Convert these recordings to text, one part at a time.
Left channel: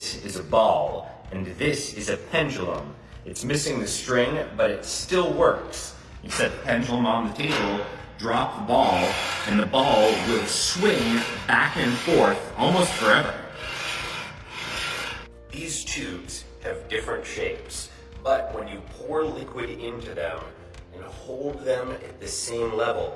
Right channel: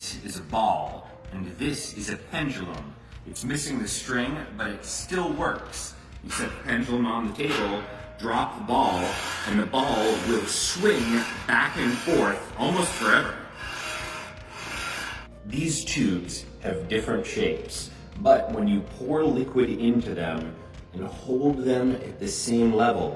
This is a ball, and this is a pendulum. It's missing the string, but it still works. You set the pendulum on the table, drop the ball, and the ball will swing back and forth almost forever. These tubes have different shapes, but when you pour liquid into them and hold them at the same level,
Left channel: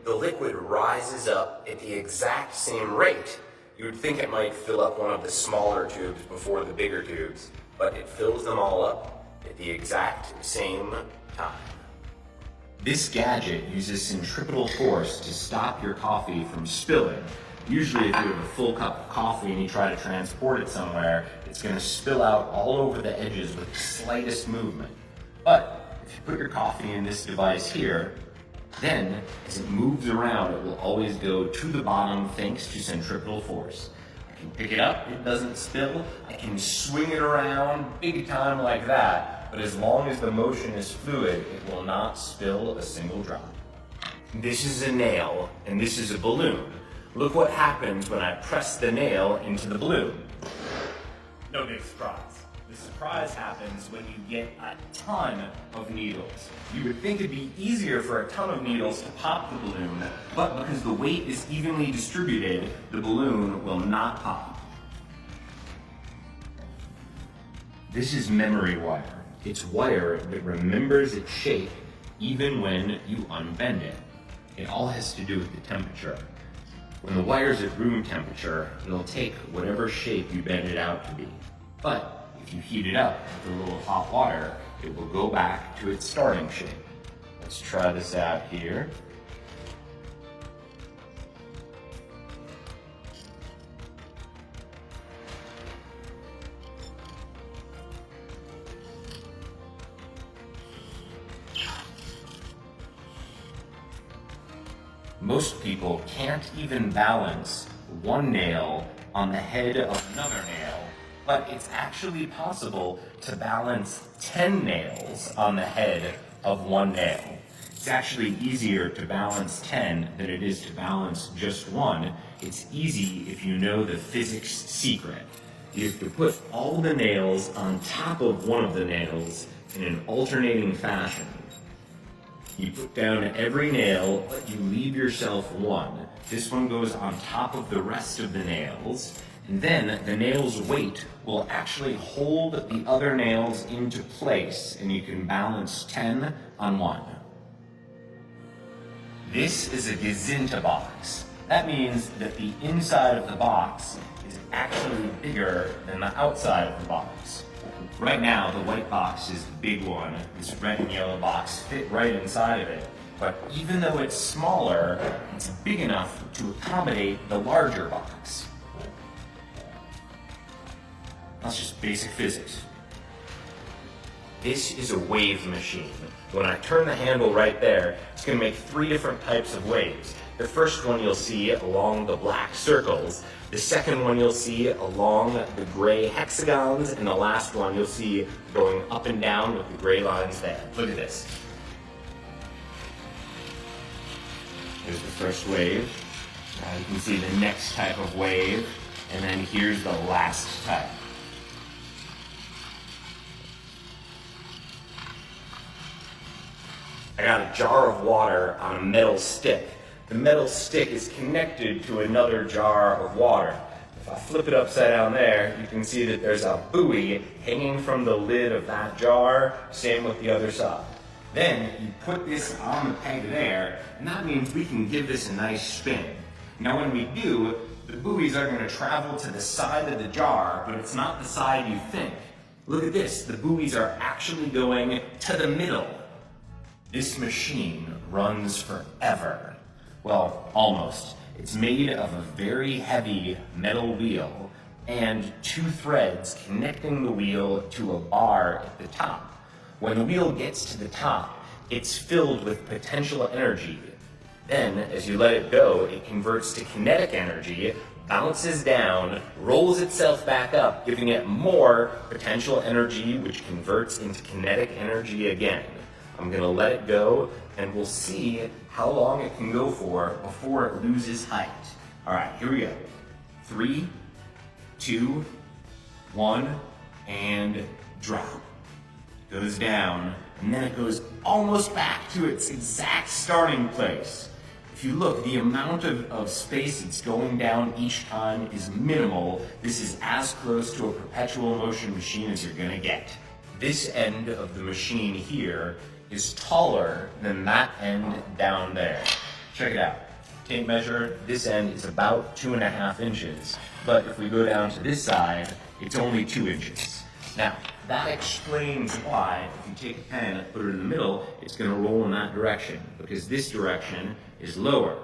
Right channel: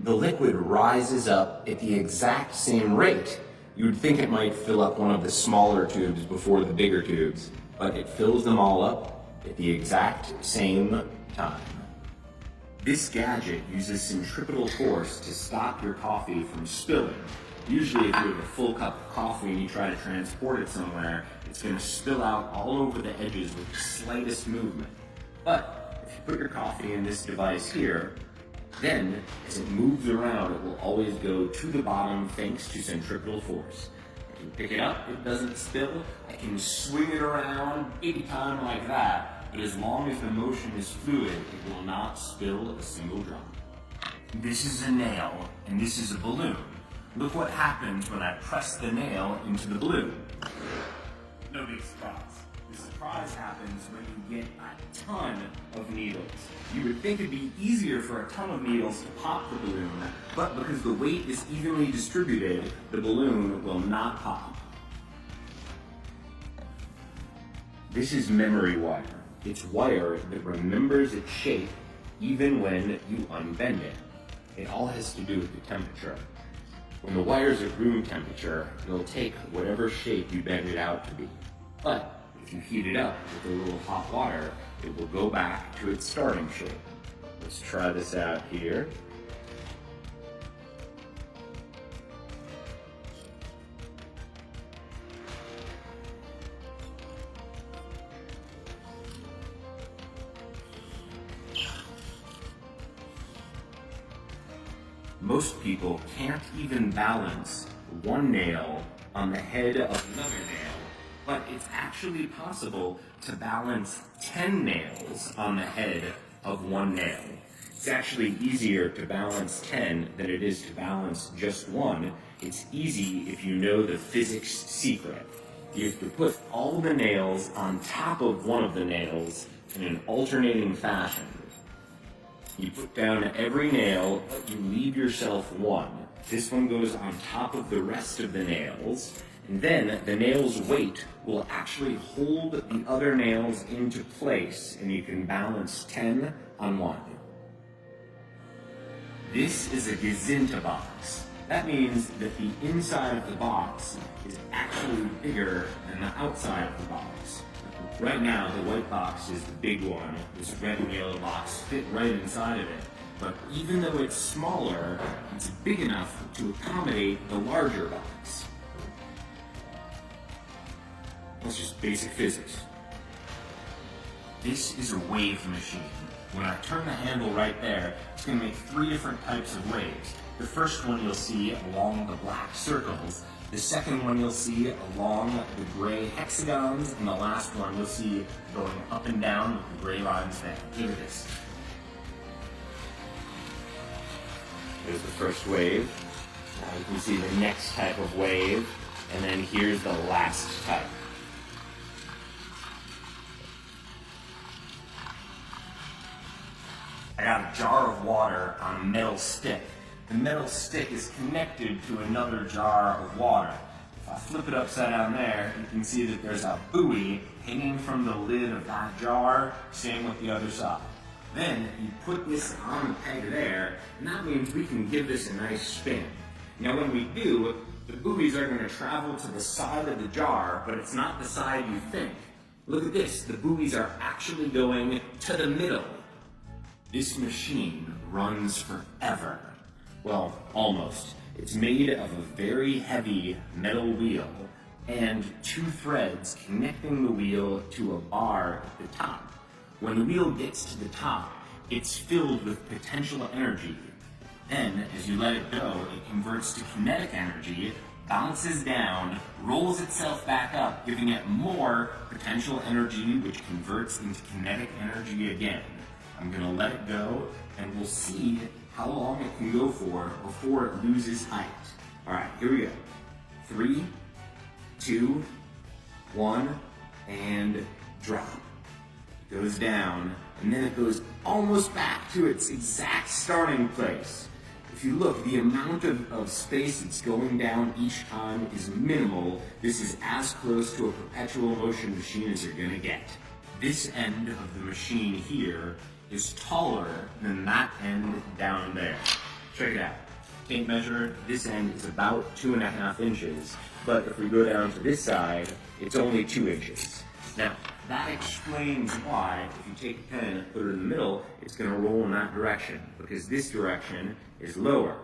the liquid rises up at the exact same rate. You would think it might fill up one of the smaller tubes before the bigger tubes, but it fills them all up at the exact same time. This gadget uses centripetal force to stop your coffee from spilling. Usually if you have a full cup of coffee and you try to transport it somewhere, it's going to spill out all over the edges with the slightest movement. But if you put your coffee in this device here, then as it moves around, it will always go to the bottom thanks to centripetal force. I can pick it up, it doesn't spill. I can swing it around big time like that, but as long as the motion is fluid, it will not spill a single drop. This is a nail, and this is a balloon. Look what happens when I press the nail into the balloon. No big surprise. The surprise happens when you get a ton of needles. You would think it'd be easier for a ton of needles to pop the balloon, but because the weight is evenly distributed, the balloon will not pop. This is memory wire. It's wire that remembers its shape even when you unbend it. It all has to do with the temperature. When the wire's at room temperature, it'll take whatever shape you bend it out to be. But if you heat it up with a little hot water, it will go back to its starting shape. Let's try this out here. Most people can't even balance one nail on the head of another nail, but it's actually possible to balance 10 nails on the head of one nail. It's actually easier to balance 10 than it is to balance just one. It's easy if you know the physics secret. You have to put all the nails on top of one of the nails in an alternating fashion. You put down every nail, but you leave yourself one. This one goes on top of the rest of the nails, and then the nail's weight will actually hold the other nails into place, and you can balance 10 on one. This is a Gazinta box. That means that the inside of the box is actually bigger than the outside of the box. Right now, the white box is the big one. This red and yellow box fit right inside of it. But even though it's smaller, it's big enough to accommodate the larger box. That's just basic physics. This is a wave machine. When I turn the handle right there, it's going to make 3 different types of waves. The first one you'll see along the black circles. The second one you'll see along the gray hexagons, and the last one you'll see going up and down with the gray lines there. Look at this. Here's the first wave. Now you can see the next type of wave, and then here's the last type. I got a jar of water on a metal stick. The metal stick is connected to another jar of water. If I flip it upside down there, you can see that there's a buoy hanging from the lid of that jar, same with the other side. Then you put this on the peg there, and that means we can give this a nice spin. Now when we do, the buoys are going to travel to the side of the jar, but it's not the side you think. Look at this, the buoys are actually going to the middle. This machine runs forever. Well, almost. It's made of a very heavy metal wheel and 2 threads connecting the wheel to a bar at the top. When the wheel gets to the top, it's filled with potential energy. Then, as you let it go, it converts to kinetic energy, bounces down, rolls itself back up, giving it more potential energy, which converts into kinetic energy again. I'm going to let it go, and we'll see how long it can go for before it loses height. All right, here we go. 3, 2, 1, and drop. It goes down, and then it goes almost back to its exact starting place. If you look, the amount of space that's going down each time is minimal. This is as close to a perpetual motion machine as you're gonna get. This end of the machine here is taller than that end down there. Check it out. Tape measure, this end is about 2.5 inches, but if we go down to this side, it's only 2 inches. Now, that explains why, if you take a pen and put it in the middle, it's going to roll in that direction, because this direction is lower.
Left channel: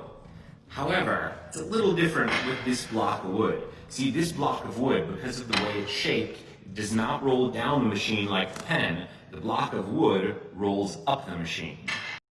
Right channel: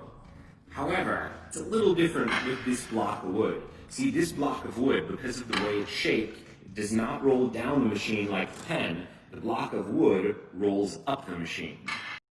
However, it's a little different with this block of wood. See, this block of wood, because of the way it's shaped, it does not roll down the machine like the pen. The block of wood rolls up the machine.